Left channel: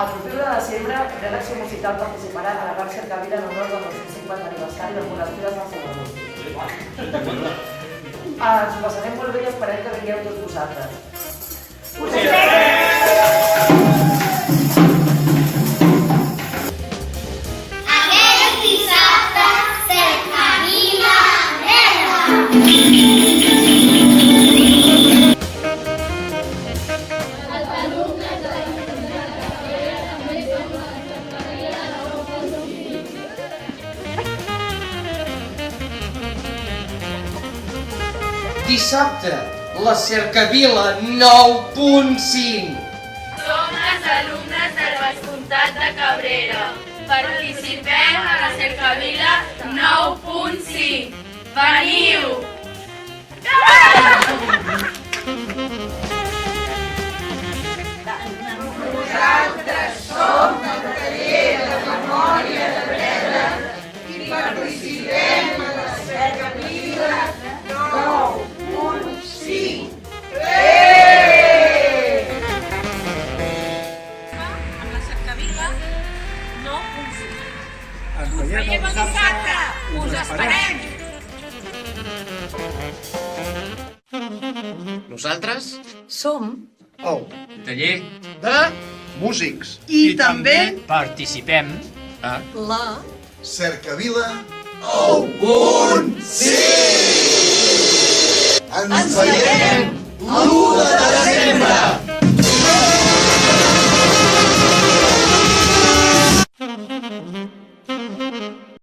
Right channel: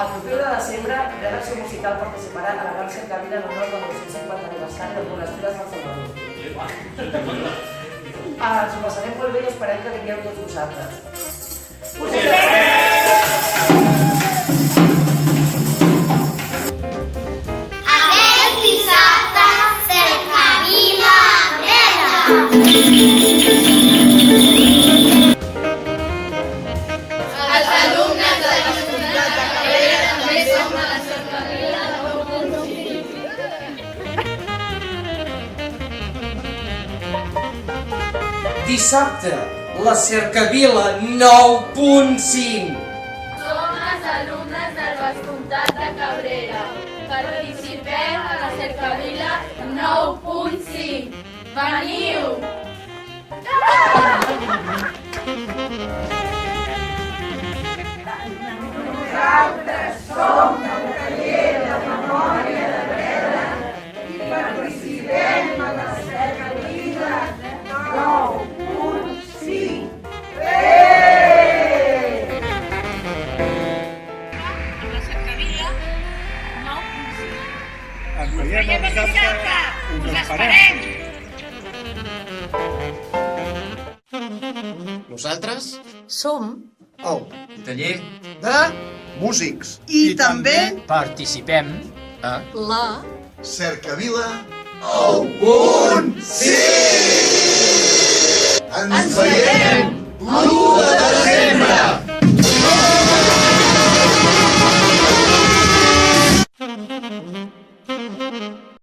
El proper 1 de desembre, Redacció Musical participarà a la gran cercavila en honor del 950 aniversari del monestir de Sant Salvador. Ens ho passarem molt bé i esperem que vingueu tots vosaltres. Us Aquest dissabte, cercavila verda. Els alumnes de l'Institut de Cabrera també som a la cercavila 9.5. Dissabte, la cercavila 9.5. Som els alumnes del Vescomtat de Cabrera. Participem a la cercavila 9.5. Veniu! Nosaltres som el taller de memòria de Breda i participem a la cercavila 9.5. A la cercavila 9.5. Ens veiem el dissabte. Us esperem! Nosaltres Som El taller de músics. I també Participem a la cercavila 9.5.